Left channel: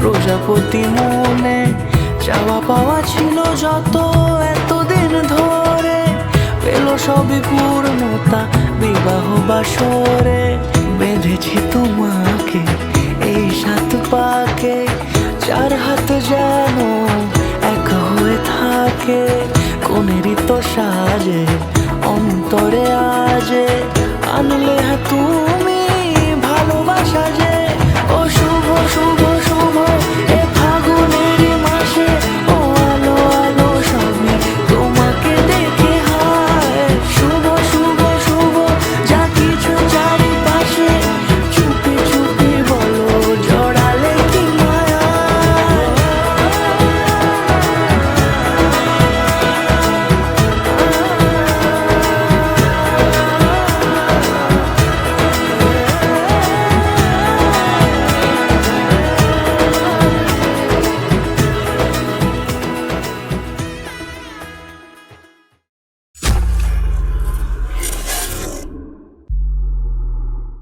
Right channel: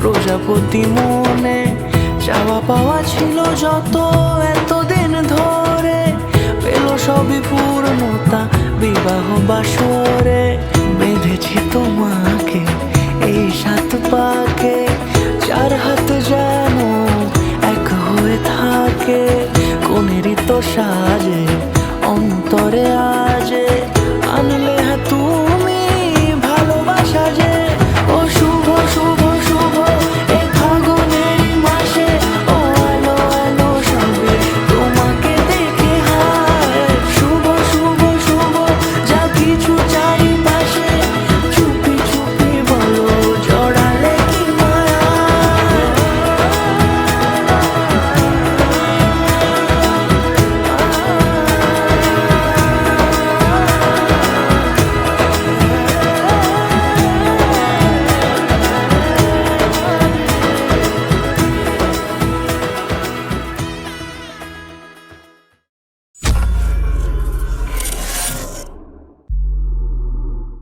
প্রজাপতি মনে চাওয়া পাওয়া ছিল যত এতদিন ধরে, পেল সবই পূর্ণতা বিবাহ বাসরে। বেঁধেছি তোমাকে এই 7 পাকে, 4 হাত যেন এক হয়ে থাকে। কোনেরই তো সাজে অন্তরে আজে আনলে তুমি ভালোবাসা যে। ও শুভ শুভ শুভ